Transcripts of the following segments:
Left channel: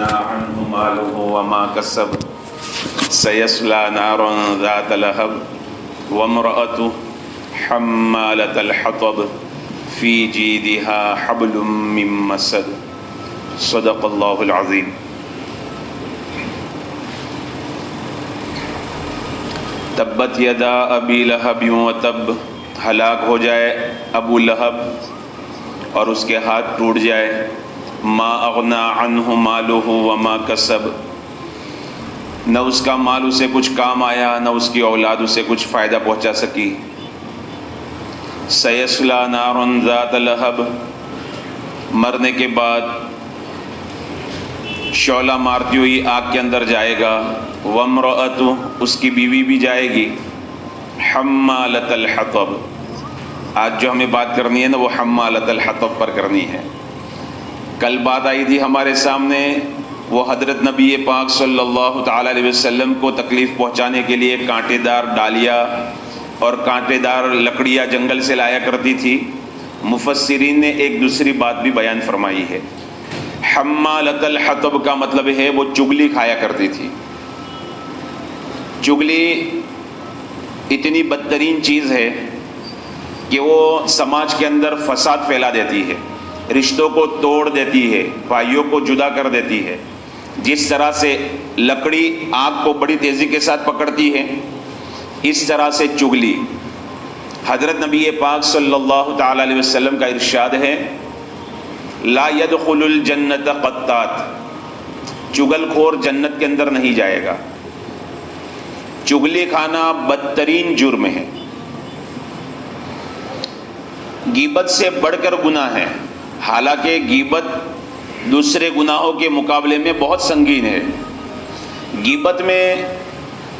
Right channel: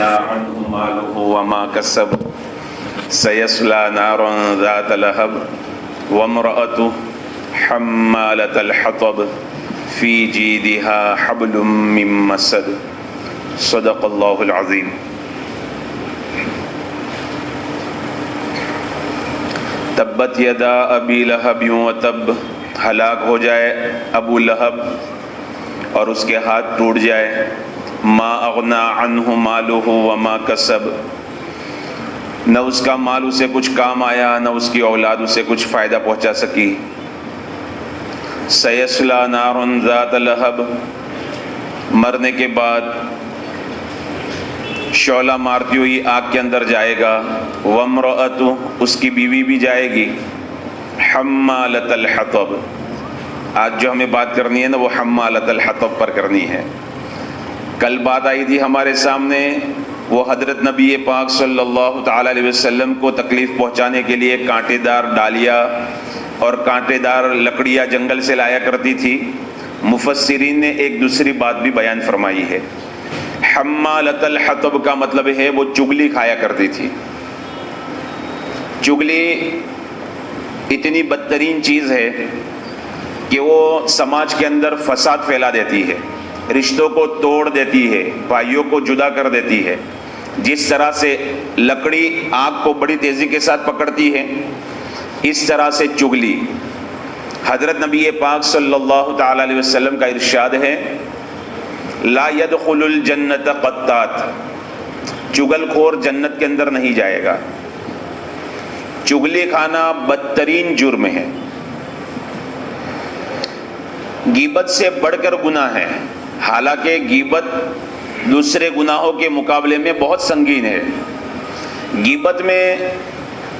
أغنى عنه ماله وما كسب سيصلى نارا ذات لهب وامرأته حمالة الحطب في جيدها حبل من مسد صدق الله العظيم. تبت یدا ابی لہب وتب، ہلاک ہو جائے ابو لہب اور اس کے ہاتھ ٹوٹ جائے. ما اغنا عنہ مالہ وما کسب، نہ اس کا مال اسے کچھ کام آیا، نہ اس کی اولاد اسے کچھ فائدہ پہنچا سکی. سیصلی نارا ذات لہب، مرنے کے بعد شعلہ مارتی ہوئی آگ کے اندر جائے گا. وامرأتہ، اس کی بیوی بھی جائے گی. حمالۃ الحطب، آج جو ہمیں بات کرنی ہے نا وہ حمالۃ الحطب پر کرنی ہے. کل بات آئی تھی ہمارے سامنے، وہ حضرت نبی پاک صلی اللہ تعالی علیہ وسلم کو تکلیف پہنچانے کے لیے کانٹے دار ڈالیا اور کانٹے دار لکڑیاں جنگل سے لایا کرتی تھی. مفسرین نے ایک دوسری بات بھی بیان فرمائی ہے. حمالۃ الحطب کا مطلب ہے وہ چغلی کھایا کرتی تھی. چغلی اتنی بدترین چیز ہے کہ وہ سماج کے اندر فساد پھیلا دیتی ہے، رشتوں کو توڑ دیتی ہے، بھائیوں کو جدا کر دیتی ہے. جس طرح سے لکڑی آگ کو بڑی تیزی کے ساتھ پکڑتی ہے، اس طرح سے چغلی. حضرت نبی پاک صلی اللہ تعالی علیہ وسلم کا ارشاد ہے، لا يدخل الجنت قطات، چغل خور جنت کے اندر نہیں جائے گا. چغلی کھانا بدترین جرم ہے، غیبت سے بڑھ کر گناہ ہے. حالانکہ غیبت دوسرے گناہوں کے مقابلے میں بہت سنگین ہے. غیبت میں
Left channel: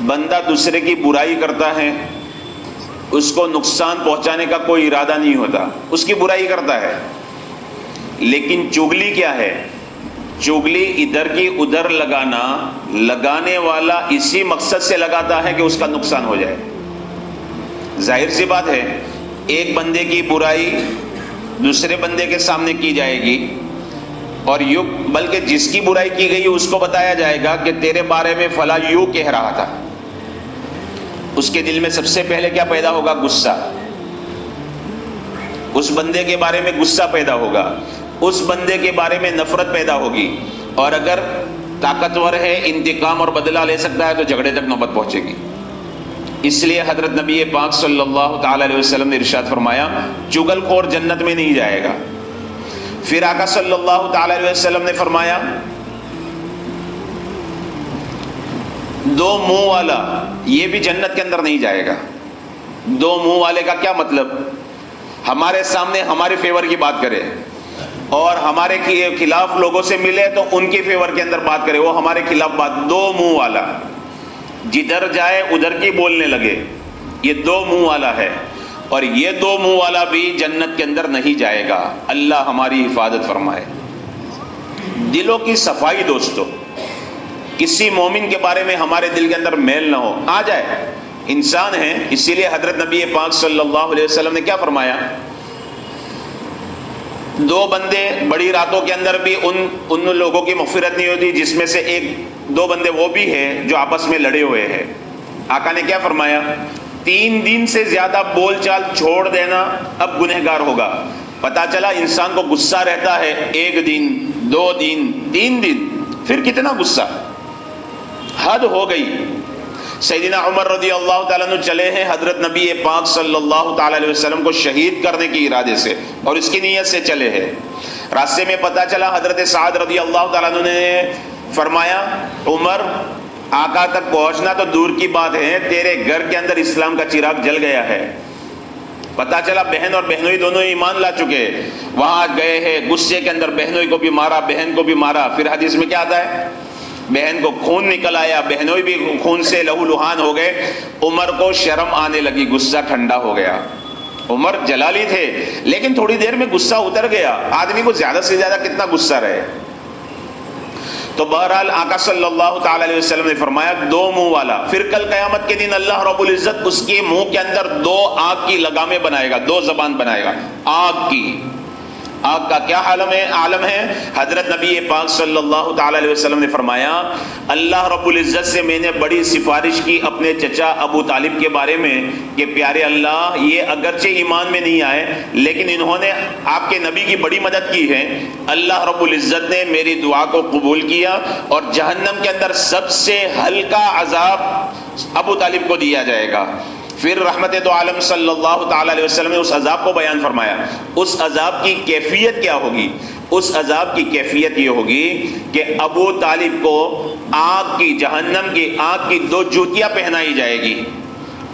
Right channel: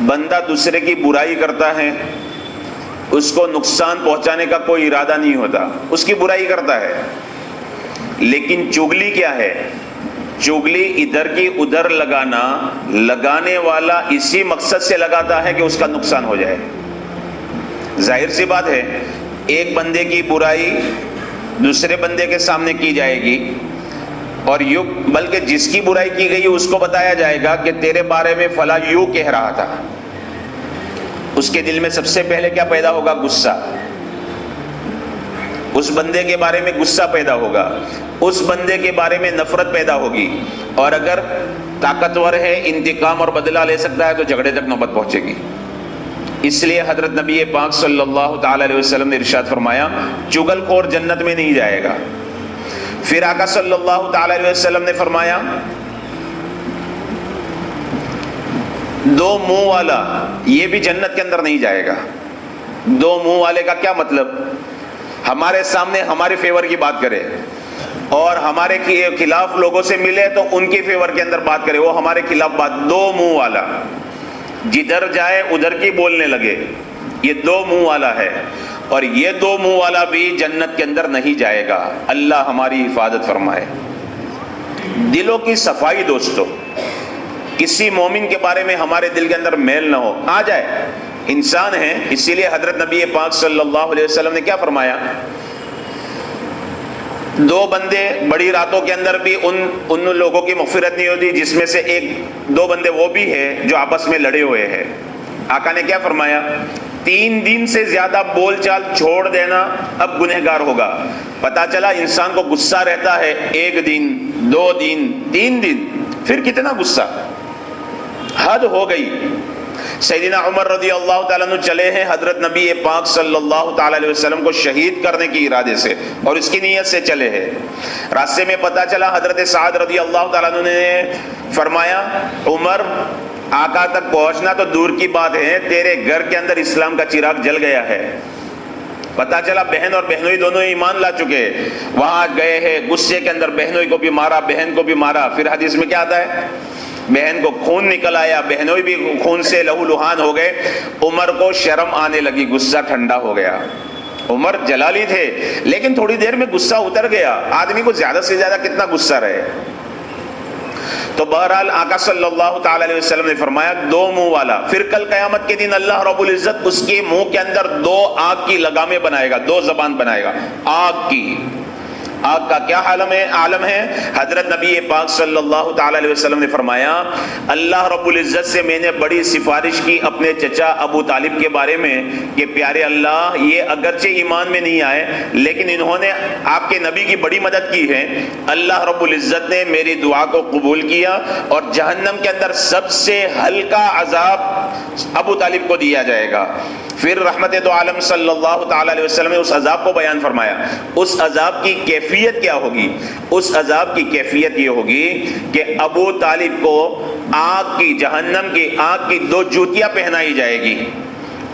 بندہ دوسرے کی برائی کرتا ہے، اس کو نقصان پہنچانے کا کوئی ارادہ نہیں ہوتا، اس کی برائی کرتا ہے. لیکن چغلی کیا ہے؟ چغلی ادھر کی ادھر لگانا، لگانے والا اسی مقصد سے لگاتا ہے کہ اس کا نقصان ہو جائے. ظاہر سی بات ہے، ایک بندے کی برائی دوسرے بندے کے سامنے کی جائے گی اور یوں، بلکہ جس کی برائی کی گئی اس کو بتایا جائے گا کہ تیرے بارے میں فلاں یوں کہہ رہا تھا. اس کے دل میں سب سے پہلے کیا پیدا ہوگا؟ غصہ. اس بندے کے بارے میں غصہ پیدا ہوگا، اس بندے کے بارے میں نفرت پیدا ہوگی، اور اگر طاقتور ہے انتقام اور بدلہ لے سکتا ہے تو جھگڑے تک نوبت پہنچے گی. اس لیے حضرت نبی پاک صلی اللہ تعالی علیہ وسلم نے ارشاد فرمایا، چغل خور جنت میں نہیں جائے گا. پھر آقا صلی اللہ تعالی علیہ وسلم نے فرمایا، دو منہ والا یہ بھی جنت کے اندر نہیں جائے گا. دو منہ والے کا کیا مطلب؟ ہمارے سامنے ہمارے فیور کی بات کرے اور ہمارے خلاف لوگوں سے ملے تو ان کی فیور کے اندر بات کرے، وہ ہمارے خلاف بات. دو منہ والا، جدھر جائے ادھر کی بولنے لگے، یہ دو منہ والا ہے. اور یہ دو منہ والا بھی جنت کے اندر نہیں جائے گا. اللہ ہماری حفاظت فرمائے. دلوں کی صفائی دوستو، کسی مومن کے بارے میں ہمارے دل کے اندر میل نہ ہو. آ جائے، انسان ہیں. اسی لیے حضرت نبی پاک صلی اللہ علیہ وسلم نے کیا فرمایا؟ دو بندے بڑی راتوں کے اندر بھی ان لوگوں کی مغفرت نہیں ہوتی جس میں سے دو بندے وہ بھی ہیں جو آپس میں لڑے ہوئے ہیں. آقا نے کیا فرمایا؟ 3 دن سے زیادہ بول چال چھوڑ دینا اب گنہگار ہوگا. پتا چلا انسان کو غصہ رہتا ہے 1 دن 2 دن 3 دن، پھر کتنا غصہ، حد ہو گئی. سیدنا عمر رضی اللہ تعالیٰ عنہ چلے ہیں حضرت نبی پاک صلی اللہ تعالیٰ علیہ وسلم کو شہید کرنے کی ارادے سے اور اس کی نیت سے چلے ہیں. راستے میں پتا چلا حضرت سعد رضی اللہ تعالیٰ عنہ نے فرمایا، عمر آقا تک پہنچنا تو دور کی بات ہے، تیرے گھر کے اندر اسلام کا چراغ جل گیا ہے. پتا چلا بہن اور بہنوئی دونوں ایمان لا چکے. وہاں گئے ہیں، غصے کے اندر بہنوئی کو بھی مارا، بہن کو بھی مارا. پھر حدیث میں کیا آتا ہے؟ بہن کو خون نکل آیا، بہنوئی بھی خون سے لہو لہان ہو گئے. عمر کو شرم آنے لگی، غصہ ٹھنڈا ہو گیا. عمر جلالی تھے لیکن تھوڑی دیر میں غصہ اتر گیا. آدمی کو زیادہ سے زیادہ کتنا غصہ رہے. تو بہرحال آقا صلی اللہ تعالی علیہ وسلم نے فرمایا 2 منہ والا. پھر کل قیامت کے دن اللہ رب العزت اس کے منہ کے اندر 2 آگ کی لگامیں بنائے گا، 2 زبان بنائے گا آگ کی. آگ کا کیا عالم ہے؟ حضرت نبی پاک صلی اللہ تعالی علیہ وسلم نے فرمایا اللہ رب العزت سے میں نے بڑی سفارش کی اپنے چچا ابو طالب کے بارے میں کہ پیارے اللہ یہ اگرچہ ایمان میں نہیں آئے لیکن انہوں نے آپ کے نبی کی بڑی مدد کی ہے، اللہ رب العزت نے میری دعا کو قبول کیا اور جہنم کے اندر سب سے ہلکا عذاب ابو طالب کو دیا جائے گا۔ پھر رحمت دو عالم صلی اللہ تعالی علیہ وسلم نے اس عذاب کو بیان فرمایا۔ اس عذاب کی کیفیت کیا ہوگی؟ اس عذاب کی کیفیت یہ ہوگی کہ ابو طالب کو آگ کی، جہنم کی آگ کی 2 جوتیاں پہنائی جائے گی۔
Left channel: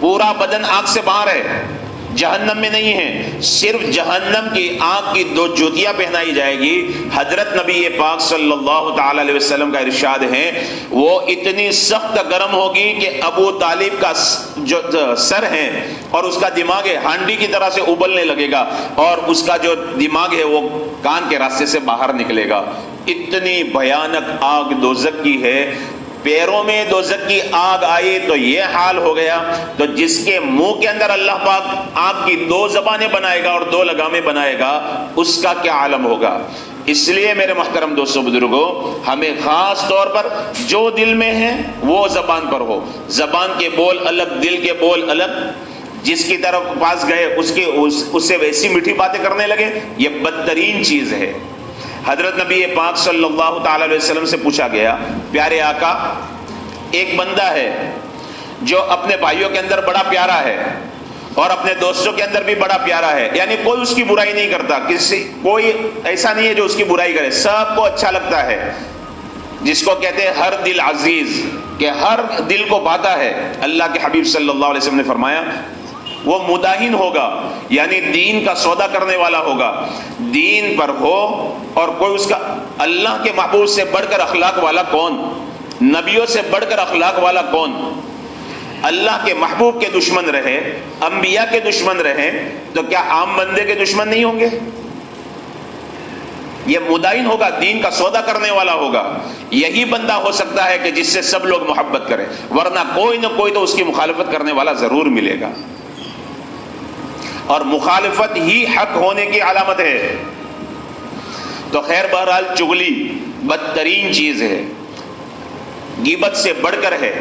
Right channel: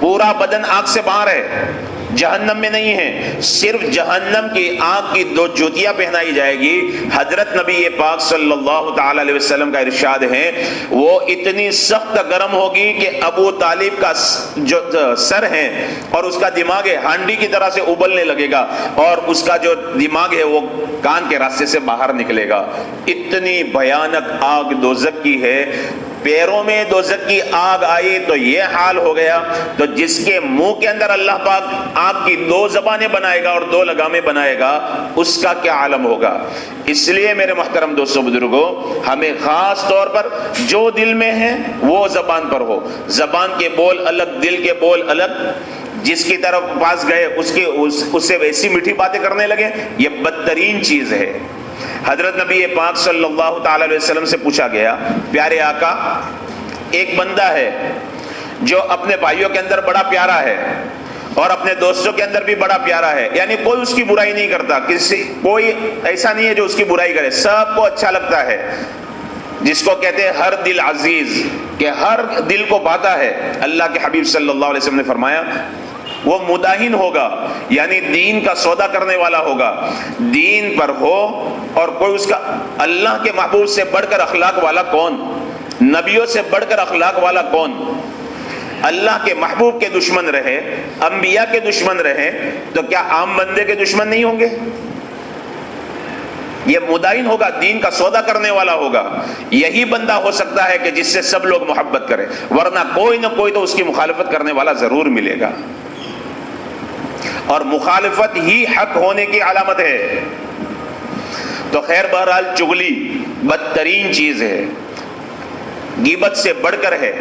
پورا بدن آگ سے باہر ہے، جہنم میں نہیں ہے، صرف جہنم کی آگ کی 2 جوتیاں پہنائی جائے گی۔ حضرت نبی پاک صلی اللہ تعالی علیہ وسلم کا ارشاد ہے وہ اتنی سخت گرم ہوگی کہ ابو طالب کا جو سر ہے اور اس کا دماغ ہے ہانڈی کی طرح سے ابلنے لگے گا اور اس کا جو دماغ ہے وہ کان کے راستے سے باہر نکلے گا۔ اتنی بھیانک آگ دوزخ کی ہے۔ پیروں میں دوزخ کی آگ آئی تو یہ حال ہو گیا، تو جس کے منہ کے اندر اللہ پاک آگ کی 2 زبانیں بنائے گا اور 2 لگامیں بنائے گا، اس کا کیا عالم ہوگا۔ اس لیے میرے محترم دوستوں بزرگوں، ہمیں خاص طور پر جو دل میں ہے وہ زبان پر ہو۔ زبان کے بول الگ، دل کے بول الگ۔ جس کی طرف پاس گئے اس سے ویسی میٹھی باتیں کرنے لگے، یہ بدترین چیز ہے۔ حضرت نبی پاک صلی اللہ تعالی علیہ وسلم سے پوچھا گیا پیارے آقا، ایک بندہ ہے جو اپنے بھائیوں کے اندر بڑا پیارا ہے اور اپنے دوستوں کے اندر بھی بڑا پیارا ہے، یعنی کوئی اس کی برائی نہیں کرتا، کوئی ایسا نہیں ہے جو اس کی برائی کرے، سب کو اچھا لگتا ہے، جس کو کہتے ہیں ہر دل عزیز، کہ ہر دل کو بھاتا ہے۔ اللہ کے حبیب صلی اللہ علیہ وسلم نے فرمایا وہ مداہن ہوگا، یعنی دین کا سودا کرنے والا ہوگا، دین پر ہو اور کوئی اس کا اللہ کے محبوب سے بڑھ کر اخلاق والا کون؟ نبیوں سے بڑھ کر اخلاق والا کون؟ اللہ کے محبوب کے دشمن رہے، انبیاء کے دشمن رہے، تو کیا عام بندے کے دشمن نہیں ہوں گے؟ یہ مداہن ہوگا، دین کا سودا کرنے والا ہوگا، یہی بندہ ہو سکتا ہے کہ جس سے سب لوگ محبت کریں، ورنہ کوئی نہ کوئی تو اس کی مخالفت کرنے والا ضرور ملے گا، اور مخالفت ہی حق ہونے کی علامت ہے۔ تو خیر بہرحال چغلی بدترین چیز ہے، غیبت سے بڑھ کر ہے۔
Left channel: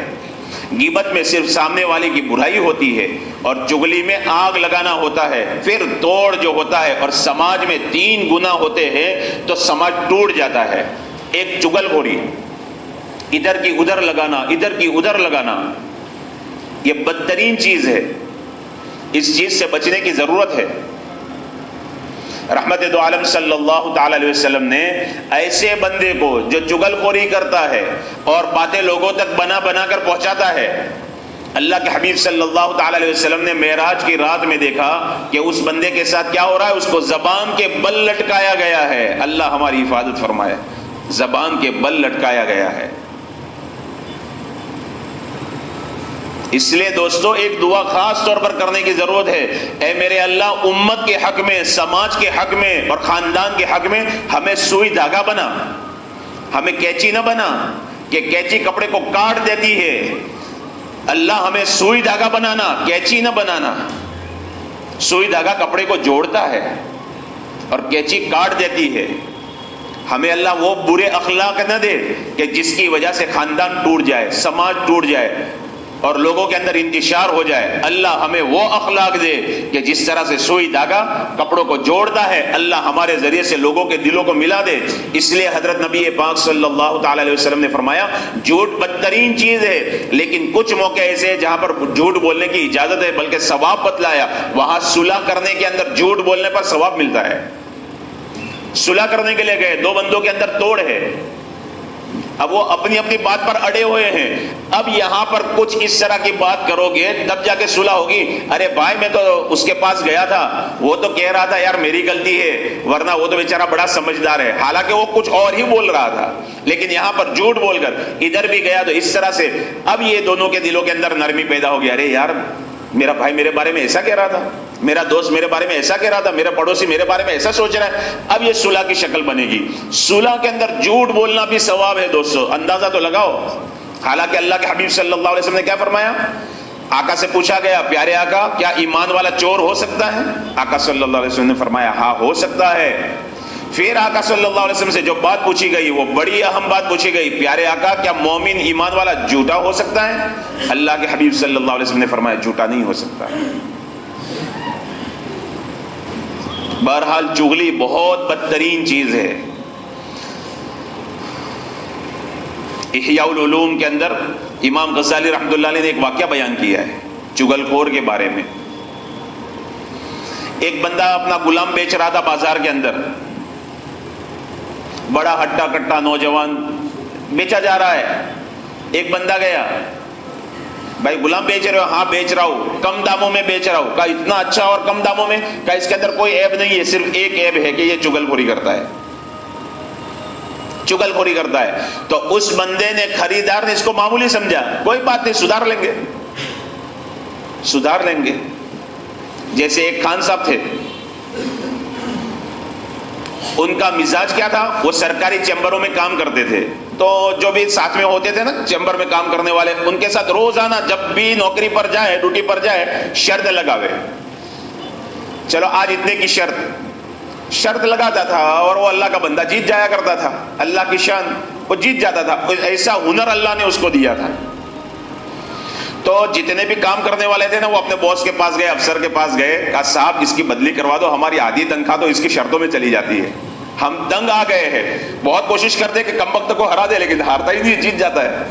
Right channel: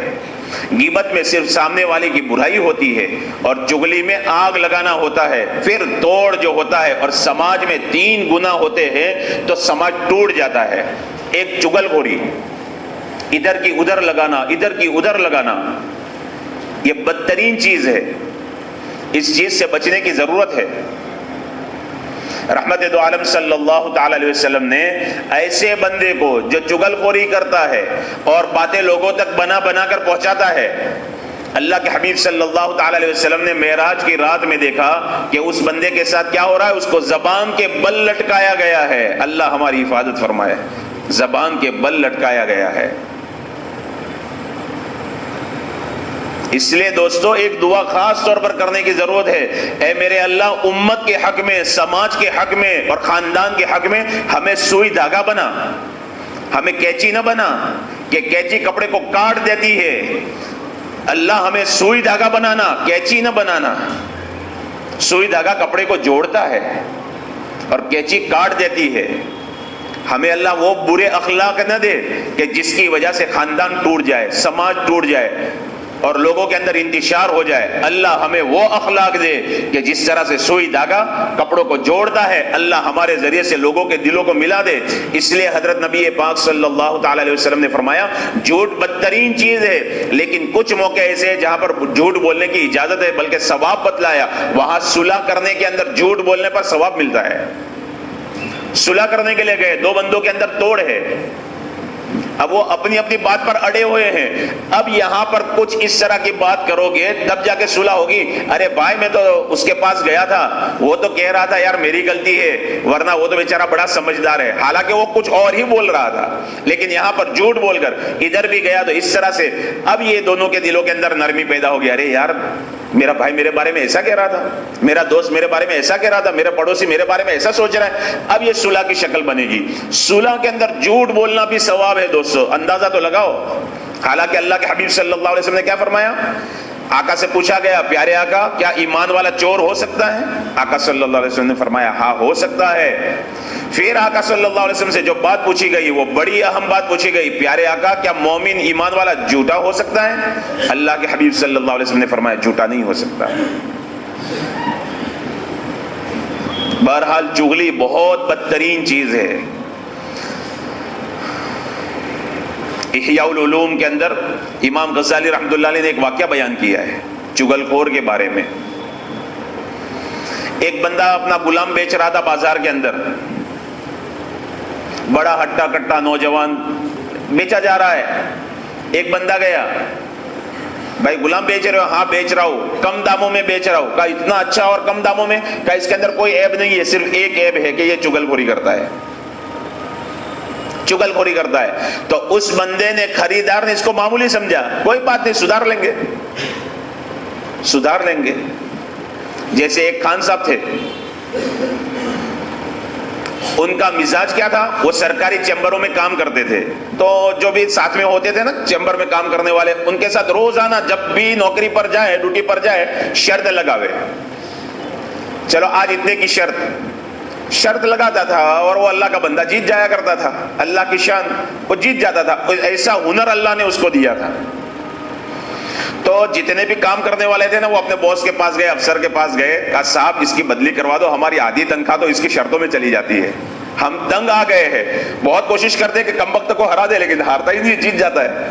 غیبت میں صرف سامنے والے کی برائی ہوتی ہے اور چغلی میں آگ لگانا ہوتا ہے، پھر توڑ جو ہوتا ہے، اور سماج میں 3 گناہ ہوتے ہیں تو سماج ٹوٹ جاتا ہے۔ ایک چغل خوری، ادھر کی ادھر لگانا، ادھر کی ادھر لگانا، یہ بدترین چیز ہے، اس چیز سے بچنے کی ضرورت ہے۔ رحمت دو عالم صلی اللہ تعالی علیہ وسلم نے ایسے بندے کو جو چغل خوری کرتا ہے اور باتیں لوگوں تک بنا بنا کر پہنچاتا ہے، اللہ کے حبیب صلی اللہ تعالی علیہ وسلم نے معراج کی رات میں دیکھا کہ اس بندے کے ساتھ کیا ہو رہا ہے، اس کو زبان کے بل لٹکایا گیا ہے۔ اللہ ہماری حفاظت فرمائے، زبان کے بل لٹکایا گیا ہے۔ اس لیے دوستو ایک دعا خاص طور پر کرنے کی ضرورت ہے، اے میرے اللہ امت کے حق میں، سماج کے حق میں اور خاندان کے حق میں ہمیں سوئی دھاگا بنا، ہمیں کینچی نہ بنا کہ کینچی کپڑے کو کاٹ دیتی ہے۔ اللہ ہمیں سوئی دھاگا بنانا، کینچی نہ بنانا۔ سوئی دھاگا کپڑے کو جوڑتا ہے اور کینچی کاٹ دیتی ہے۔ ہمیں اللہ وہ برے اخلاق نہ دے کہ جس کی وجہ سے خاندان ٹوٹ جائے، سماج ٹوٹ جائے اور لوگوں کے اندر انتشار ہو جائے۔ اللہ ہمیں وہ اخلاق دے کہ جس طرح سے سوئی دھاگا کپڑوں کو جوڑتا ہے، اللہ ہمارے ذریعے سے لوگوں کے دلوں کو ملا دے۔ اس لیے حضرت نبی پاک صلی اللہ تعالی علیہ وسلم نے فرمایا جھوٹ بدترین چیز ہے، لیکن کچھ موقع ایسے ہیں جہاں پر جھوٹ بولنے کی اجازت ہے، بلکہ ثواب بتلایا، وہاں صلح کرنے کے اندر جھوٹ بولنے پر ثواب ملتا ہے۔ صلح کرنے کے لیے گئے، 2 بندوں کے اندر توڑ ہے، اب وہ اپنی اپنی بات پر اڑے ہوئے ہیں، اب یہاں پر کچھ اس طرح کی بات کرو گے تب جا کے صلح ہوگی۔ ارے بھائی میں تو اس کے پاس گیا تھا، وہ تو کہہ رہا تھا یار میری غلطی ہے، ورنہ وہ تو بیچارہ بڑا سمجھدار ہے، حالانکہ وہ کچھ اور ہی بول رہا تھا، لیکن یہاں پر جھوٹ بول کر ادھر بھی گیا تو اس طرح سے اب یہ دونوں کے دلوں کے اندر نرمی پیدا ہو گیا۔ ارے یار میرا بھائی میرے بارے میں ایسا کہہ رہا تھا، میرا دوست میرے بارے میں ایسا کہہ رہا تھا، میرا پڑوسی میرے بارے میں ایسا سوچ رہا ہے، اب یہ صلح کی شکل بنے گی۔ صلح کے اندر جھوٹ بولنا بھی ثواب ہے دوستو، اندازہ تو لگاؤ۔ حالانکہ اللہ کے حبیب صلی اللہ علیہ وسلم نے کیا فرمایا؟ آقا سے پوچھا گیا پیارے آقا کیا ایمان والا چور ہو سکتا ہے؟ آقا صلی اللہ علیہ وسلم نے فرمایا ہاں ہو سکتا ہے، پھر آقا صلی اللہ علیہ وسلم سے جو بات پوچھی گئی وہ بڑی اہم بات پوچھی گئی، پیارے آقا کیا مومن ایمان والا جھوٹا ہو سکتا ہے؟ اللہ کے حبیب صلی اللہ علیہ وسلم نے فرمایا جھوٹا نہیں ہو سکتا۔ بہرحال چغلی بہت بدترین چیز ہے۔ احیاء العلوم کے اندر امام غزالی رحمۃ اللہ علیہ نے ایک واقعہ بیان کیا ہے چغل خور کے بارے میں۔ ایک بندہ اپنا غلام بیچ رہا تھا بازار کے اندر، بڑا ہٹا کٹا نوجوان بیچا جا رہا ہے۔ ایک بندہ گیا، بھائی غلام بیچ رہے ہو؟ ہاں بیچ رہا ہوں، کم داموں میں بیچ رہا ہوں۔ کہا اتنا اچھا اور کم داموں میں؟ کہا اس کے اندر کوئی عیب نہیں ہے، صرف ایک عیب ہے کہ یہ چغل خوری کرتا ہے، چغل خوری کرتا ہے۔ تو اس بندے نے، خریدار نے اس کو معمولی سمجھا، کوئی بات نہیں سدھار لیں گے، سدھار لیں گے۔ جیسے ایک خان صاحب تھے، ان کا مزاج کیا تھا، وہ سرکاری چیمبروں میں کام کرتے تھے، تو جو بھی ساتھ میں ہوتے تھے نا چیمبر میں کام کرنے والے، ان کے ساتھ روزانہ جب بھی نوکری پر جائے، ڈیوٹی پر جائے، شرط لگاوے، چلو آج اتنے کی شرط لگاتا تھا، اور وہ اللہ کا بندہ جیت جایا کرتا تھا، اللہ کی شان، وہ جیت جاتا تھا۔ ایسا ہنر اللہ نے اس کو دیا تھا۔ تو جتنے بھی کام کرنے والے تھے نا، وہ اپنے باس کے پاس گئے، افسر کے پاس گئے، کہا صاحب اس کی بدلی کروا دو، ہماری آدھی تنخواہ تو اس کی شرطوں میں چلی جاتی ہے، ہم دنگ آ گئے ہیں، بہت کوشش کرتے کہ کم وقت کو ہرا دے لیکن ہارتا ہی نہیں، جیت جاتا ہے۔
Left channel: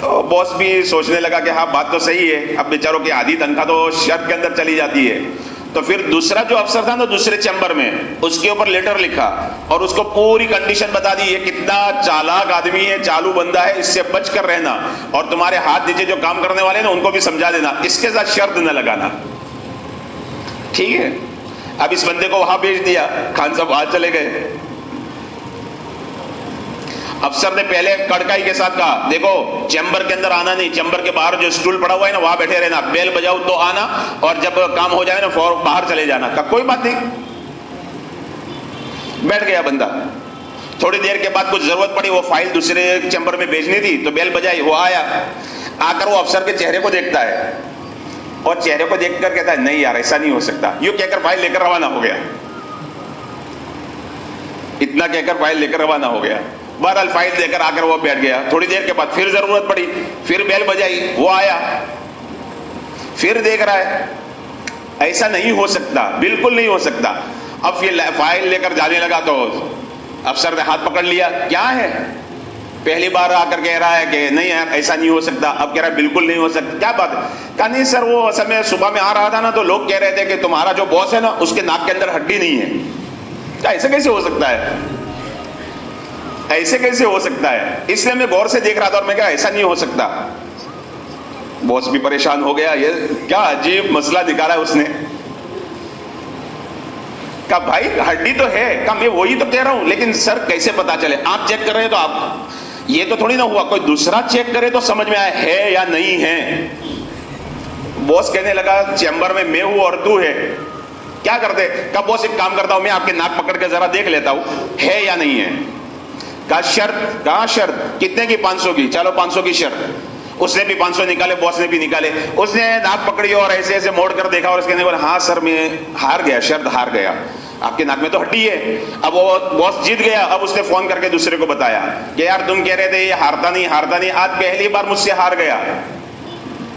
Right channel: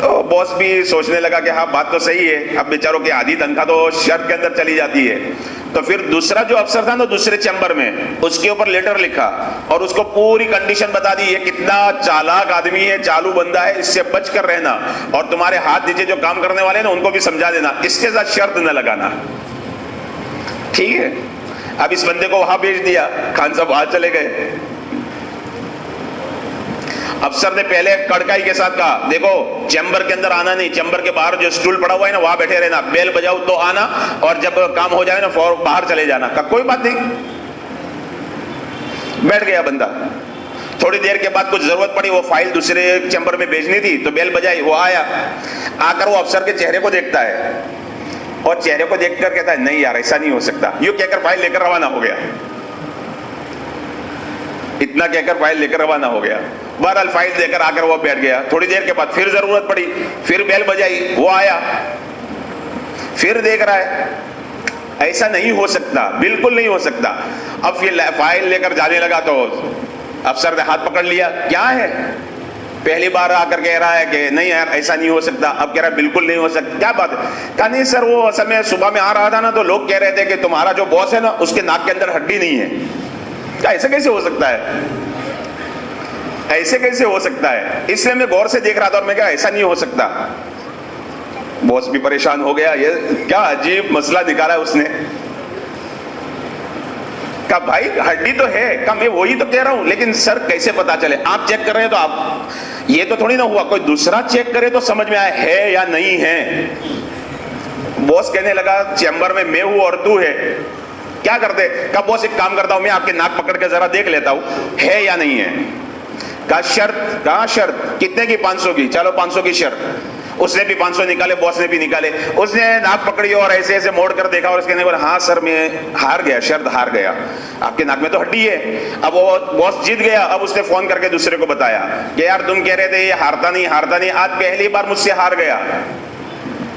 تو باس بھی سوچنے لگا کہ ہاں بات تو صحیح ہے، اب بیچاروں کی آدھی تنخواہ تو شرط کے اندر چلی جاتی ہے۔ تو پھر دوسرا جو افسر تھا نا دوسرے چیمبر میں، اس کے اوپر لیٹر لکھا اور اس کو پوری کنڈیشن بتا دی، یہ کتنا چالاک آدمی ہے، چالو بندہ ہے، اس سے بچ کر رہنا، اور تمہارے ہاتھ نیچے جو کام کرنے والے ہیں نا ان کو بھی سمجھا دینا، اس کے ساتھ شرط نہ لگانا، ٹھیک ہے۔ اب اس بندے کو وہاں بھیج دیا، خان صاحب وہاں چلے گئے۔ افسر نے پہلے کڑکائی کے ساتھ کہا دیکھو چیمبر کے اندر آنا نہیں، چیمبر کے باہر جو اسٹول پڑا ہوا ہے نا وہاں بیٹھے رہنا، بیل بجاؤ تو آنا، اور جب کام ہو جائے نا فوراً باہر چلے جانا۔ کہا کوئی بات نہیں، بیٹھ گیا بندہ۔ تھوڑی دیر کے بعد کچھ ضرورت پڑی، وہ فائل دوسرے چیمبر میں بھیجنی تھی، تو بیل بجائی، وہ آیا، آ کر وہ افسر کے چہرے کو دیکھتا ہے، اور چہرے کو دیکھ کر کہتا ہے نہیں یار ایسا نہیں ہو سکتا، یوں کہہ کر فائل لے کر روانہ ہو گیا، اتنا کہہ کر فائل لے کر روانہ ہو گیا۔ بہرحال فائل دے کر آ کر وہ بیٹھ گیا۔ تھوڑی دیر کے بعد پھر ضرورت پڑی، پھر بیل بجائی، وہ آیا، پھر دیکھ رہا ہے ایسا نہیں ہو سکتا، بالکل نہیں ہو سکتا۔ اب پھر فائل لے کر جانے لگا تو افسر نے ہاتھ پکڑ لیا، کیا ہے؟ پہلی بار آ کر کہہ رہا ہے کہ نہیں یار ایسا نہیں ہو سکتا، اب کہہ رہا ہے بالکل نہیں ہو سکتا، کیا بات ہے؟ کہا نہیں سر وہ اصل میں صبح میں آ رہا تھا نا تو لوگ کہہ رہے تھے کہ تمہارا جو باس ہے نا اس کے ناک کے اندر ہڈی نہیں ہے۔ کہا ایسا کیسے ہو سکتا ہے، ایسے کیسے ہو سکتا ہے؟ اس لیے میں غور سے دیکھ رہا تھا اور میں کہا ایسا نہیں ہو سکتا۔ باس بھی پریشان ہو گیا، یہ کیا عجیب مسئلہ دکھا رہا ہے اس نے۔ کہا بھائی ہڈی تو ہے، کہا میں وہی تو کہہ رہا ہوں، لیکن سر کیسے پتا چلے؟ آپ چیک کر رہے ہیں تو آپ یہ تو تھوڑی نہ ہوا کوئی دوسرا چیک کرے تو سمجھ میں آئے ہے یا نہیں ہے۔ باس کہنے لگا چیمبر میں ہوں اور تو ہے، کیا کرتے؟ کہا باس ایک کام کرتا ہوں، میں آپ کے ناک پکڑ کے ذرا دیکھ لیتا ہوں ہے یا نہیں ہے۔ کہا شرط؟ کہا شرط کتنے کی؟ 500 کی۔ چلو 500 کی شرط۔ اس نے بھی 500 نکالے، باس نے بھی نکالے، اس نے ناک پکڑی اور ایسے ایسے موڑ کر دیکھا اور اس کے ہاں سر میں ہار گیا، شرط ہار گیا، آپ کے ناک میں تو ہڈی ہے۔ اب وہ باس جیت گیا۔ اب اس نے فون کر کے دوسرے کو بتایا کہ یار تم کہہ رہے تھے یہ ہارتا نہیں، آج پہلی بار مجھ سے ہار گیا،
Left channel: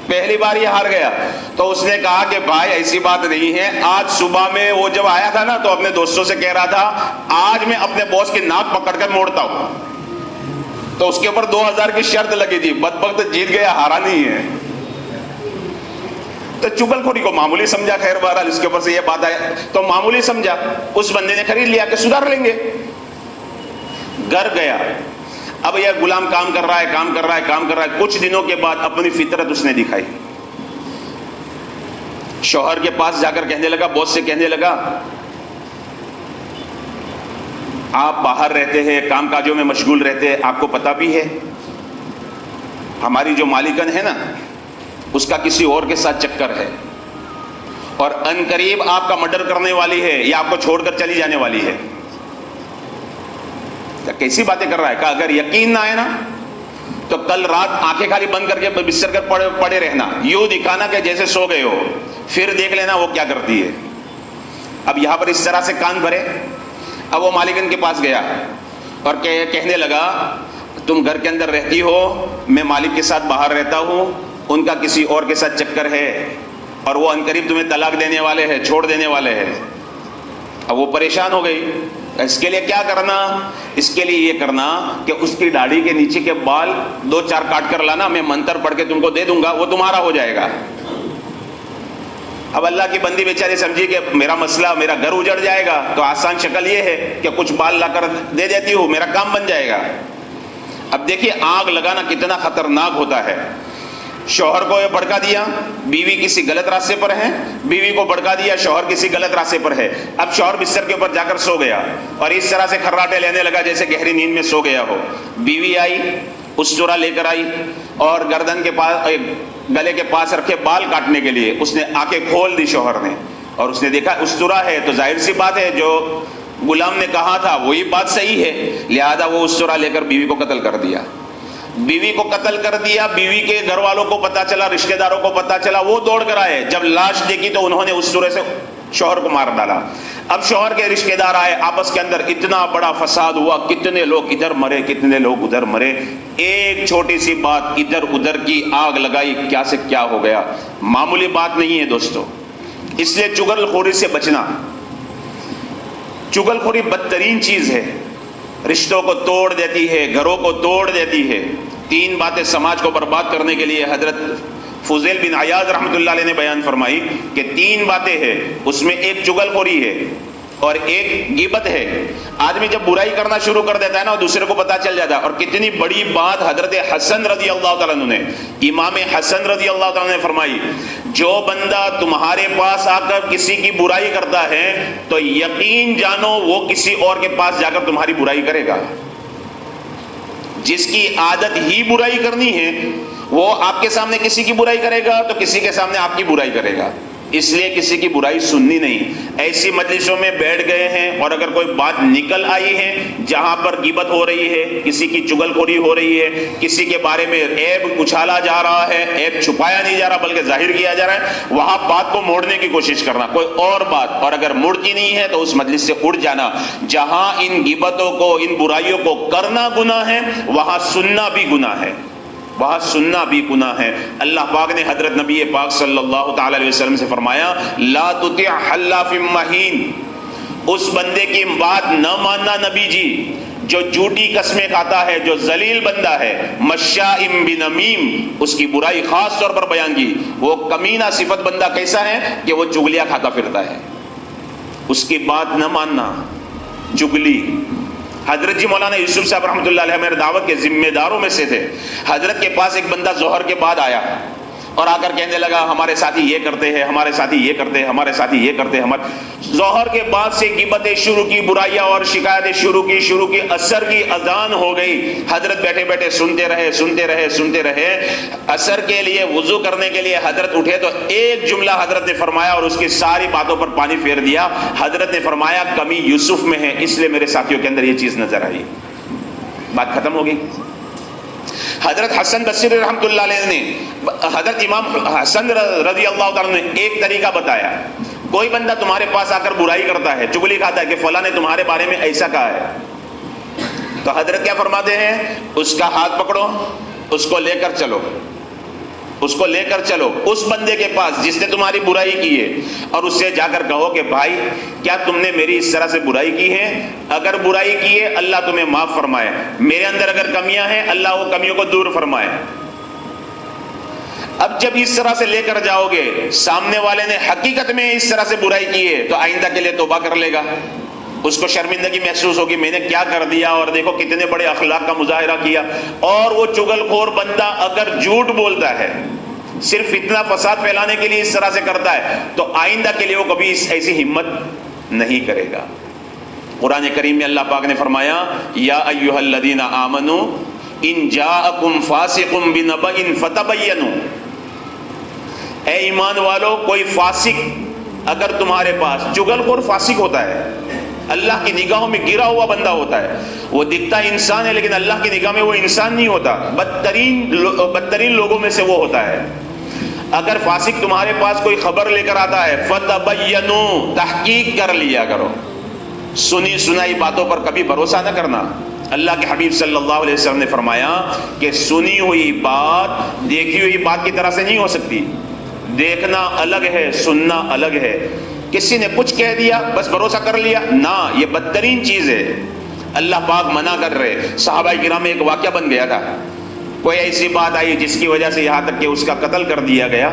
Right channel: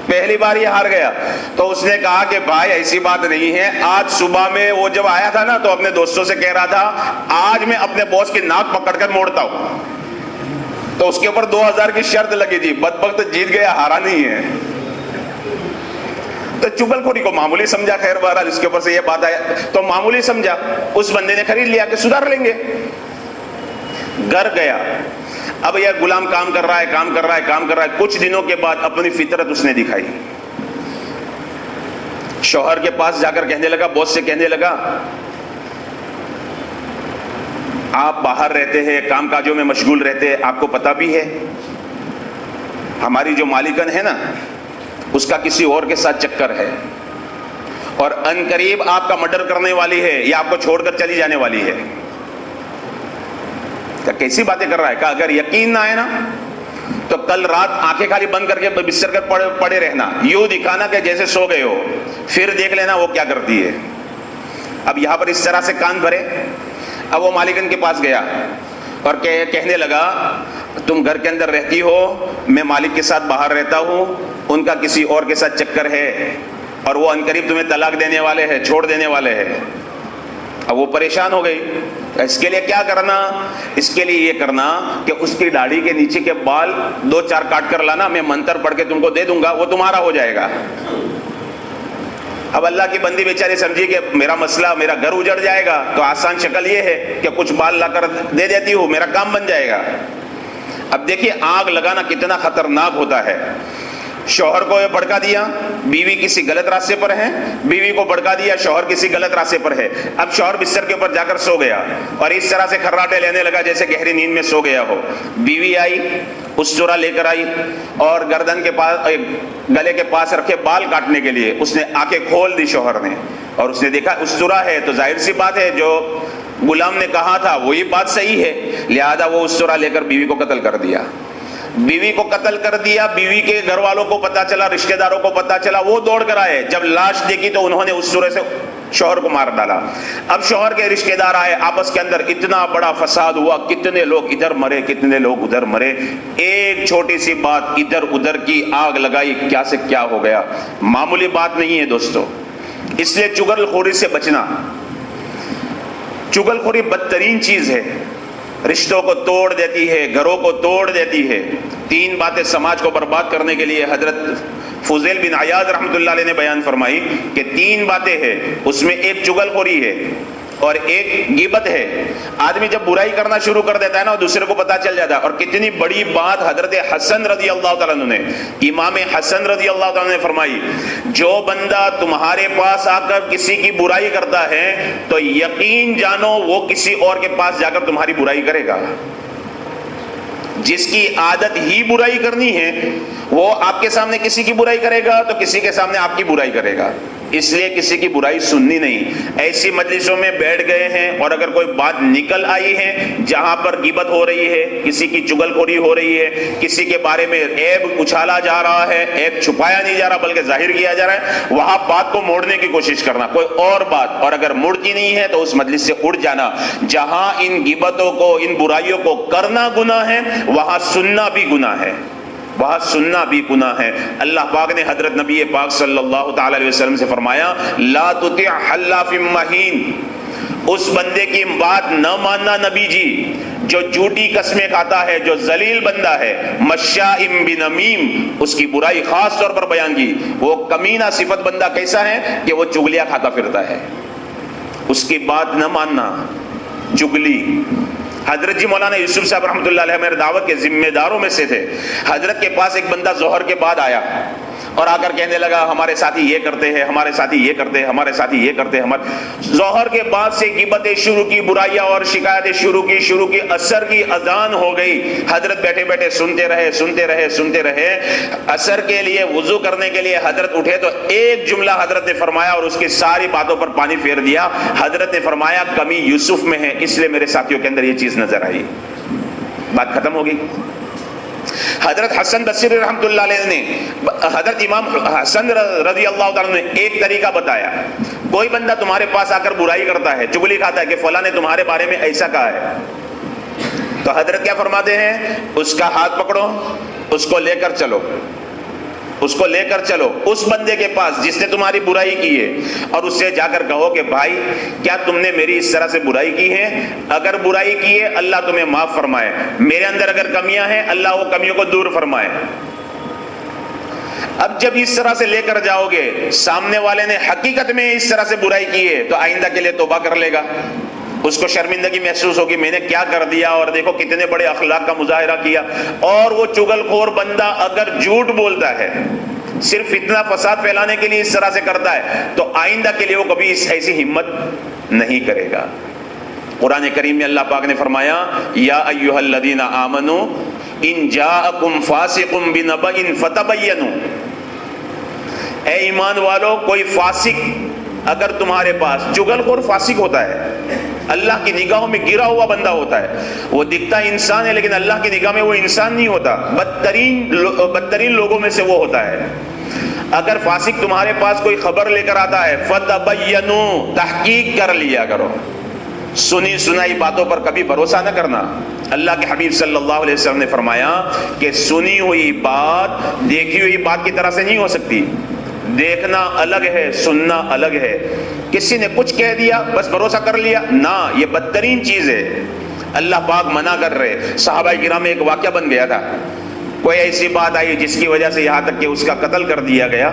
پہلی بار یہ ہار گیا۔ تو اس نے کہا کہ بھائی ایسی بات نہیں ہے، آج صبح میں وہ جب آیا تھا نا تو اپنے دوستوں سے کہہ رہا تھا آج میں اپنے باس کی ناک پکڑ کر موڑتا ہوں، تو اس کے اوپر 2000 کی شرط لگی تھی، بدبخت جیت گیا، ہارا نہیں ہے۔ تو چغل خوری کو معمولی سمجھا، خیر بہرحال اس کے اوپر سے یہ بات آیا تو معمولی سمجھا، اس بندے نے خرید لیا کہ سدھار لیں گے، گھر گیا۔ اب یہ غلام کام کر رہا ہے، کچھ دنوں کے بعد اپنی فطرت اس نے دکھائی، شوہر کے پاس جا کر کہنے لگا، باس سے کہنے لگا آپ باہر رہتے ہیں، کام کاجوں میں مشغول رہتے ہیں، آپ کو پتہ بھی ہے ہماری جو مالکن ہے نا اس کا کسی اور کے ساتھ چکر ہے، اور ان قریب آپ کا مرڈر کرنے والی ہے یا آپ کو چھوڑ کر چلی جانے والی ہے۔ کیسی باتیں کر رہا ہے؟ کہ اگر یقین نہ آئے نا تو کل رات آنکھیں خالی بند کر کے بستر پر پڑے رہنا، یوں دکھانا کہ جیسے سو گئے ہو، پھر دیکھ لینا وہ کیا کرتی ہے۔ اب یہاں پر اس طرح سے کان بھرے. اب وہ مالکن کے پاس گیا اور کہنے لگا تم گھر کے اندر رہتی ہو, میں مالک کے ساتھ باہر رہتا ہوں, ان کا کسی اور کے ساتھ چکر ہے اور وہ عنقریب تمہیں طلاق دینے والے ہیں, چھوڑ دینے والے ہیں. اب وہ پریشان ہو گئی. اس کے لیے کیا کرنا؟ اس کے لیے یہ کرنا کہ اس کی داڑھی کے نیچے کے بال 2-4 کاٹ کر لانا, میں منتر پڑھ کے تم کو دے دوں گا, وہ تمہارا ہو جائے گا. اب اللہ کی بندی بیچاری سمجھی کہ میرا مسئلہ, میرا گھر اجڑ جائے گا, تو آسان شکل یہ ہے کہ کچھ بال لا کر دے دیتی ہوں, میرا کام بن جائے گا. اب دیکھیے آگ لگانا کتنا خطرناک ہوتا ہے. شوہر کو بھڑکا دیا, بیوی کسی غلط راستے پر ہے, بیوی کو بھڑکا دیا, شوہر کسی غلط راستے پر ہے. اب شوہر بستر کے اوپر جا کر سو گیا اور اس طرح سے کھراٹے لینے لگا جیسے گہری نیند میں سو گیا ہو. بیوی آئی, استورا لے کر آئی اور گردن کے پاس, گلے کے پاس رکھے بال کاٹنے کے لیے اس نے آنکھیں کھول دی شوہر نے, اور اس نے دیکھا استورا ہے تو ظاہر سی بات ہے جو غلام نے کہا تھا وہی بات صحیح ہے, لہذا وہ استورا لے کر بیوی کو قتل کر دیا. بیوی کو قتل کر دیا. بیوی کے گھر والوں کو پتا چلا, رشتہ داروں کو پتا چلا, وہ دوڑ کر آئے. جب لاش دیکھی تو انہوں نے اس سورے سے شوہر کو مار ڈالا. اب شوہر کے رشتہ دار آئے, آپس کے اندر اتنا بڑا فساد ہوا, کتنے لوگ ادھر مرے, کتنے لوگ ادھر مرے. ایک چھوٹی سی بات ادھر ادھر کی آگ لگائی, کیا سے کیا ہو گیا. معمولی بات نہیں ہے دوستو. اس لیے چغل خوری سے بچنا. چغل خوری بدترین چیز ہے, رشتوں کو توڑ دیتی ہے, گھروں کو توڑ دیتی ہے. 3 باتیں سماج کو برباد کرنے کے لیے حضرت فضیل بن عیاض رحمۃ اللہ علیہ نے بیان فرمائی کہ 3 باتیں ہیں, اس میں ایک چغل خوری ہے اور ایک غیبت ہے. آدمی جب برائی کرنا شروع کر دیتا ہے نا, دوسرے کو پتا چل جاتا ہے. اور کتنی بڑی بات حضرت حسن رضی اللہ تعالیٰ عنہ نے, امام حسن رضی اللہ تعالیٰ نے فرمائی, جو بندہ تمہارے پاس آ کر کسی کی برائی کرتا ہے تو یقین جانو وہ کسی اور کے پاس جا کر تمہاری برائی کرے گا. جس کی عادت ہی برائی کرنی ہے وہ آپ کے سامنے کسی کی برائی کرے گا تو کسی کے سامنے آپ کی برائی کرے گا. اس لیے کسی کی برائی سننی نہیں. ایسی مجلسوں میں بیٹھ گئے ہیں اور اگر کوئی بات نکل آئی ہے جہاں پر غیبت ہو رہی ہے, کسی کی چغل خوری ہو رہی ہے, کسی کے بارے میں عیب اچھالا جا رہا ہے, عیب چھپایا نہیں جا رہا بلکہ ظاہر کیا جا رہا ہے, وہاں بات کو موڑنے کی کوشش کرنا, کوئی اور بات. اور اگر مڑتی نہیں ہے تو اس مجلس سے اٹھ جانا. جہاں ان غیبتوں کو, ان برائیوں کو کرنا گناہ ہے, وہاں سننا بھی گناہ ہے, وہاں سننا بھی گناہ ہے. اللہ پاک نے حضرت نبی پاک صلی اللہ تعالی علیہ وسلم سے فرمایا, لا تطع حلاف مہین, اس بندے کی بات نہ ماننا نبی جی جو جھوٹی قسمیں کھاتا ہے, جو ذلیل بندہ ہے. مشاء بنمیم, اس کی برائی خاص طور پر بیان کی. وہ کمینہ صفت بندہ کیسا ہے کہ وہ چغلیاں کھاتا پھرتا ہے, اس کی بات نہ ماننا, چغلی. حضرت جی مولانا یوسف صاحب رحمۃ اللہ علیہ میرے دعوت کے ذمہ داروں میں سے تھے. حضرت کے پاس ایک بندہ ظہر کے بعد آیا اور آ کر کہنے لگا ہمارے ساتھی یہ کرتے ہیں, ہمارے ساتھی یہ کرتے ہیں, ہمارے ساتھی یہ کرتے ہیں. ظہر کے بعد سے غیبتیں شروع کی, برائیاں اور شکایتیں شروع کی. عصر کی اذان ہو گئی. حضرت بیٹھے بیٹھے سنتے رہے. عصر کے لیے وضو کرنے کے لیے حضرت اٹھے تو ایک جملہ حضرت نے فرمایا اور اس کی ساری باتوں پر پانی پھیر دیا. حضرت نے فرمایا کمی یوسف میں ہے, اس لیے میرے ساتھیوں کے اندر یہ چیز نظر آئی. بات ختم ہو گئی. حضرت حسن بصری رحمۃ اللہ علیہ نے, حضرت امام حسن رضی اللہ تعالیٰ نے ایک طریقہ بتایا. کوئی بندہ تمہارے پاس آ کر برائی کرتا ہے, چغلی کھاتا ہے کہ فلاں نے تمہارے بارے میں ایسا کہا ہے, تو حضرت کیا فرماتے ہیں, اس کا ہاتھ پکڑو, اس کو لے کر چلو, اس بندے کے پاس جس نے تمہاری برائی کی ہے, اور اس سے جا کر کہو کہ بھائی کیا تم نے میری اس طرح سے برائی کی ہے؟ اگر برائی کی ہے اللہ تمہیں معاف فرمائے, میرے اندر اگر کمیاں ہیں اللہ وہ کمیوں کو دور فرمائے. اب جب اس طرح سے لے کر جاؤ گے, سامنے والے نے حقیقت میں اس طرح سے برائی کی ہے تو آئندہ کے لیے توبہ کر لے گا. اس کو شرمندگی محسوس ہوگی, میں نے کیا کر دیا, اور دیکھو کتنے بڑے اخلاق کا مظاہرہ کیا. اور وہ چغل خور بندہ اگر جھوٹ بولتا ہے, صرف اتنا فساد پھیلانے کے لیے اس طرح سے کرتا ہے, تو آئندہ کے لیے وہ کبھی ایسی ہمت نہیں کرے گا. قرآن کریم میں اللہ پاک نے فرمایا, یا ایھا الذین آمنوا ان جاءکم فاسق بنبأ فتبینوا, اے ایمان والو کوئی فاسق اگر تمہارے پاس, چغل خور فاسق ہوتا ہے, اللہ کی نگاہوں میں گرا ہوا بندہ ہوتا ہے, وہ دکھتا انسان ہے لیکن اللہ کی نگاہ میں وہ انسان نہیں ہوتا, بدترین لوگوں میں سے وہ ہوتا ہے. اگر فاسق تمہارے پاس کوئی خبر لے کر آتا ہے فتبینوا، تحقیق کر لیا کرو، سنی سنائی باتوں پر کبھی بھروسہ نہ کرنا۔ اللہ کے حبیب صلی اللہ علیہ وسلم نے فرمایا کہ سنی ہوئی بات دیکھی ہوئی بات کی طرح سے نہیں ہو سکتی۔ دیکھنا الگ ہے، سننا الگ ہے۔ کسی نے کچھ کہہ دیا بس بھروسہ کر لیا، نہ، یہ بدترین چیز ہے۔ اللہ پاک منع کر رہے۔ صحابہ کرام میں ایک واقعہ بن گیا تھا، کوئی ایسی بات آئی جس کی وجہ سے یہاں تک کہ اس کا قتل کر دیا گیا،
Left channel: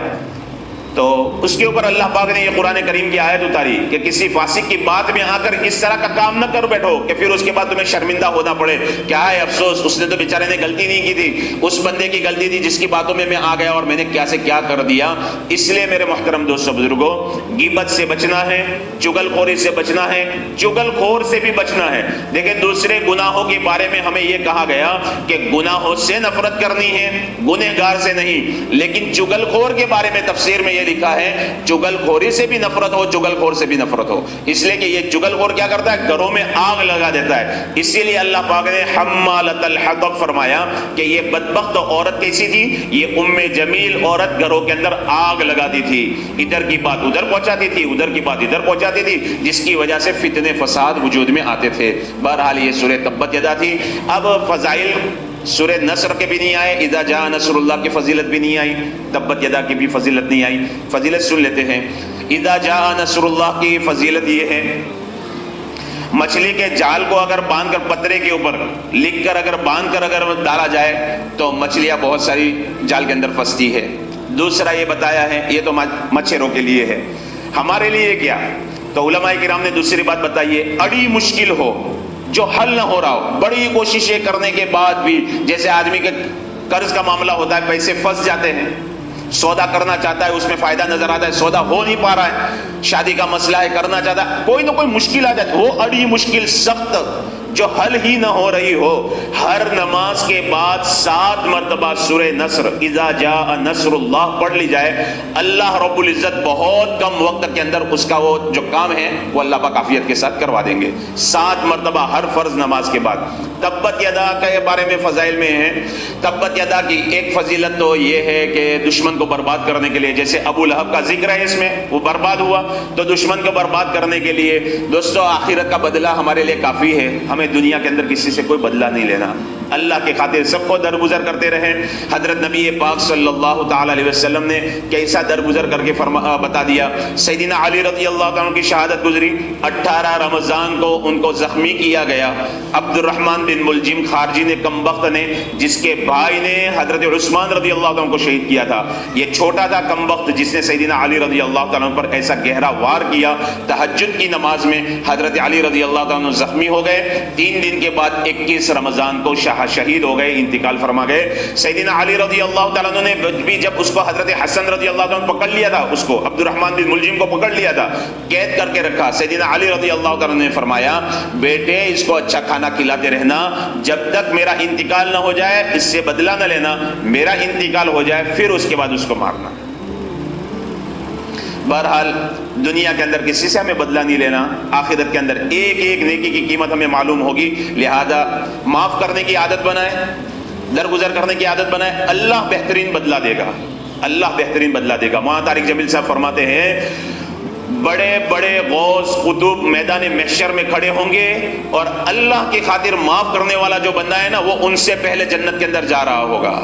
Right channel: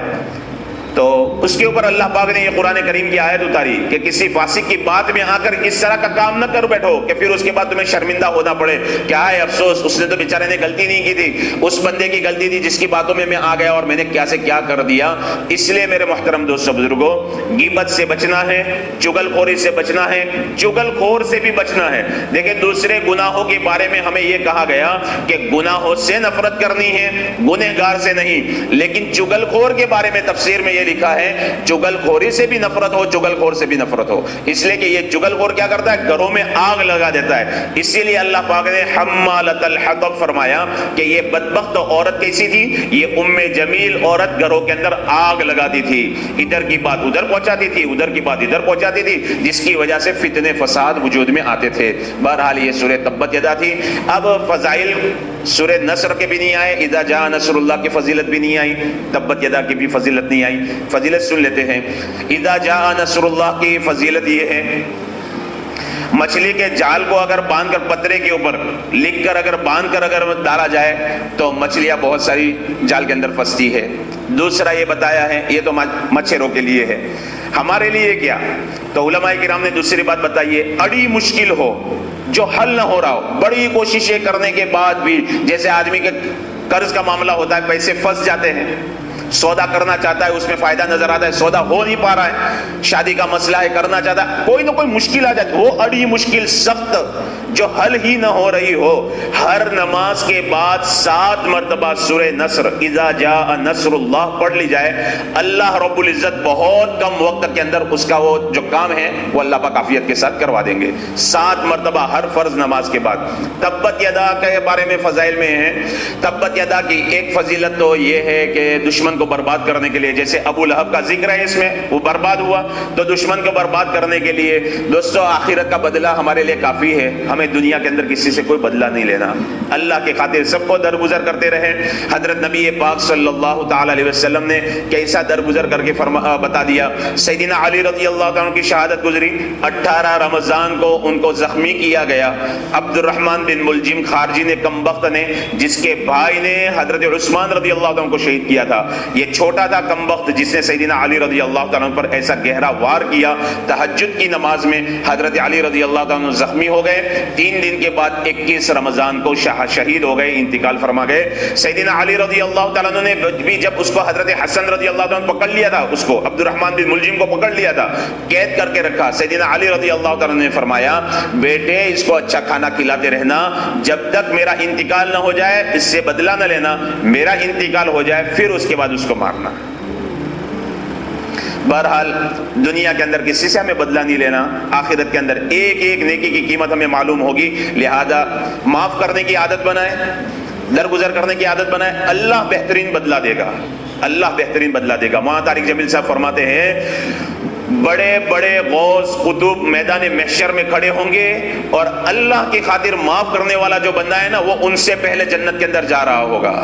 تو اس کے اوپر اللہ پاک نے یہ قرآن کریم کی آیت اتاری کہ کسی فاسق کی بات میں آ کر اس طرح کا کام نہ کر بیٹھو کہ پھر اس کے بعد تمہیں شرمندہ ہونا پڑے۔ کیا ہے افسوس، اس نے تو بیچارے نے غلطی نہیں کی تھی، اس بندے کی غلطی تھی جس کی باتوں میں آ گیا اور میں نے کیا سے کیا کر دیا۔ اس لیے میرے محترم دوستو بزرگوں، غیبت سے بچنا ہے، چگل خوری سے بچنا ہے، چگل خور سے بھی بچنا ہے۔ دیکھیں دوسرے گناہوں کے بارے میں ہمیں یہ کہا گیا کہ گناہوں سے نفرت کرنی ہے، گنہگار سے نہیں، لیکن چگل خور کے بارے میں تفسیر میں لکھا ہے چگل خوری سے بھی نفرت ہو، چگل خور سے بھی نفرت ہو، اس لیے کہ یہ چگل خور کیا کرتا ہے، گھروں میں آگ لگا دیتا ہے۔ اسی لیے اللہ پاک نے حمالۃ الحطب فرمایا کہ یہ بدبخت عورت کیسی تھی، یہ ام جمیل عورت گھروں کے اندر آگ لگاتی تھی، ادھر کی بات ادھر پہنچاتی تھی، ادھر کی بات ادھر پہنچاتی تھی، جس کی وجہ سے فتنے فساد وجود میں آتے تھے۔ بہرحال یہ سورہ تبت یدا تھی۔ اب فضائل سورہ نصر کے بھی نہیں آئے، اذا جاء نصر اللہ کی فضیلت بھی نہیں آئی، تبت یدا کی بھی فضیلت نہیں آئی۔ فضیلت سن لیتے ہیں۔ اذا جاء نصر اللہ کی فضیلت یہ ہے، مچھلی کے جال کو اگر باندھ کر پترے کے اوپر لکھ کر اگر باندھ کر اگر ڈالا جائے تو مچھلیاں بہت ساری جال کے اندر پھنستی ہے۔ دوسرا یہ بتایا ہے، یہ تو مچھروں کے لیے ہے، ہمارے لیے کیا؟ تو علماء کرام نے دوسری بات بتائی ہے، اڑی مشکل ہو جو حل نہ ہو رہا ہو، بڑی کوششیں کرنے کے بعد بھی، جیسے آدمی کے قرض کا معاملہ ہوتا ہے، پیسے پھنس جاتے ہیں، سودا کرنا چاہتا ہے، اس میں فائدہ نظر آتا ہے، سودا ہو نہیں پا رہا ہے، شادی کا مسئلہ ہے، کرنا چاہتا ہے، کوئی نہ کوئی مشکل آ جاتی ہے، وہ اڑی مشکل سخت جو حل ہی نہ ہو رہی ہو، ہر نماز کے بعد 7 مرتبہ سورہ نصر اذا جاء نصر اللہ پڑھ لی جائے، اللہ رب العزت بہت کم وقت کے اندر اس کا وہ جو کام ہے وہ اللہ پاک عافیت کے ساتھ کروا دیں گے۔ 7 مرتبہ ہر فرض نماز کے بعد۔ تبت یدا کے بارے میں فضائل میں ہے، تبت یدا کی ایک فضیلت تو یہ ہے کہ دشمن کو برباد کرنے کے لیے، جیسے ابو لہب کا ذکر ہے اس میں، وہ برباد ہوا تو دشمن کو برباد کرنے کے لیے دوستو آخرت کا بدلہ ہمارے لیے کافی ہے، ہمیں دنیا کے اندر کسی سے کوئی بدلہ نہیں لینا، اللہ کے خاطر سب کو درگزر کرتے رہے۔ حضرت نبی پاک صلی اللہ تعالی علیہ وسلم نے کیسا درگزر کر کے بتا دیا۔ سیدنا علی رضی اللہ عنہ کی شہادت گزری، 18 رمضان کو ان کو زخمی کیا گیا۔ عبد الرحمن بن ملجم خارجی نے کمبخت نے، جس کے بھائی نے حضرت عثمان رضی اللہ عنہ کو شہید کیا تھا، یہ چھوٹا تھا کمبخت جس نے سیدنا علی رضی اللہ عنہ پر ایسا گہرا وار کیا۔ تہجد کی نماز میں حضرت علی رضی اللہ عنہ زخمی ہو گئے، 3 دن کے بعد 21 رمضان کو شہید ہو گئے، انتقال فرما گئے۔ سیدنا علی رضی اللہ تعالیٰ عنہ نے بھی جب اس کو حضرت حسن رضی اللہ عنہ پکڑ لیا تھا، اس کو عبد الرحمن بن ملجم کو پکڑ لیا تھا، قید کر کے رکھا، سیدنا علی رضی اللہ تعالیٰ عنہ نے فرمایا بیٹے اس کو اچھا کھانا کھلاتے رہنا، جب تک میرا انتقال نہ ہو جائے اس سے بدلہ نہ لینا، میرا انتقال ہو جائے پھر اس کے بعد اس کو مارنا۔ بہرحال دنیا کے اندر کسی سے ہمیں بدلہ نہیں لینا، آخرت کے اندر ایک ایک نیکی کی قیمت ہمیں معلوم ہوگی، لہذا معاف کرنے کی عادت بنائیں، درگزر کرنے کی عادت بنائیں، اللہ بہترین بدلہ دے گا، اللہ بہترین بدلہ دے گا۔ وہاں طارق جمیل صاحب فرماتے ہیں بڑے بڑے غوث قطب میدان محشر میں کھڑے ہوں گے اور اللہ کی خاطر معاف کرنے والا جو بندہ ہے نا وہ ان سے پہلے جنت کے اندر جا رہا ہوگا،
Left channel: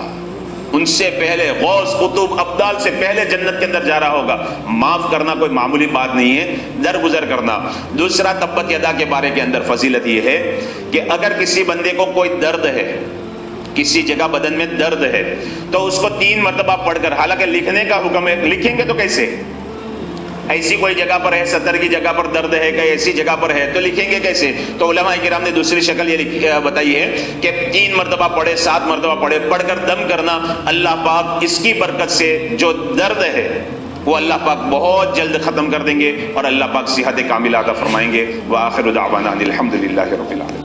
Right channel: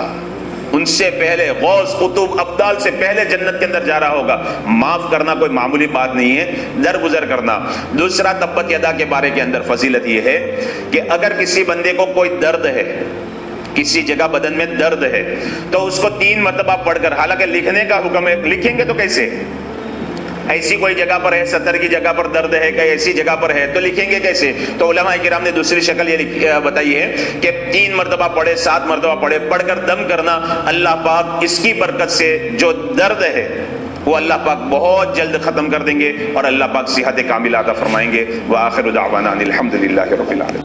ان سے پہلے غوث قطب ابدال سے پہلے جنت کے اندر جا رہا ہوگا۔ معاف کرنا کوئی معمولی بات نہیں ہے، درگزر کرنا۔ دوسرا تبت یدا کے بارے کے اندر فضیلت یہ ہے کہ اگر کسی بندے کو کوئی درد ہے، کسی جگہ بدن میں درد ہے تو اس کو 3 مرتبہ پڑھ کر، حالانکہ لکھنے کا حکم ہے، لکھیں گے تو کیسے؟ ایسی کوئی جگہ پر ہے، 70 کی جگہ پر درد ہے، کہ ایسی جگہ پر ہے تو لکھیں گے کیسے؟ تو علماء کرام نے دوسری شکل یہ بتائی ہے کہ 3 مرتبہ پڑھے، 7 مرتبہ پڑھے، پڑھ کر دم کرنا، اللہ پاک اس کی برکت سے جو درد ہے وہ اللہ پاک بہت جلد ختم کر دیں گے اور اللہ پاک صحت کاملہ عطا فرمائیں گے۔ وآخر دعوانا الحمدللہ رب العالمین۔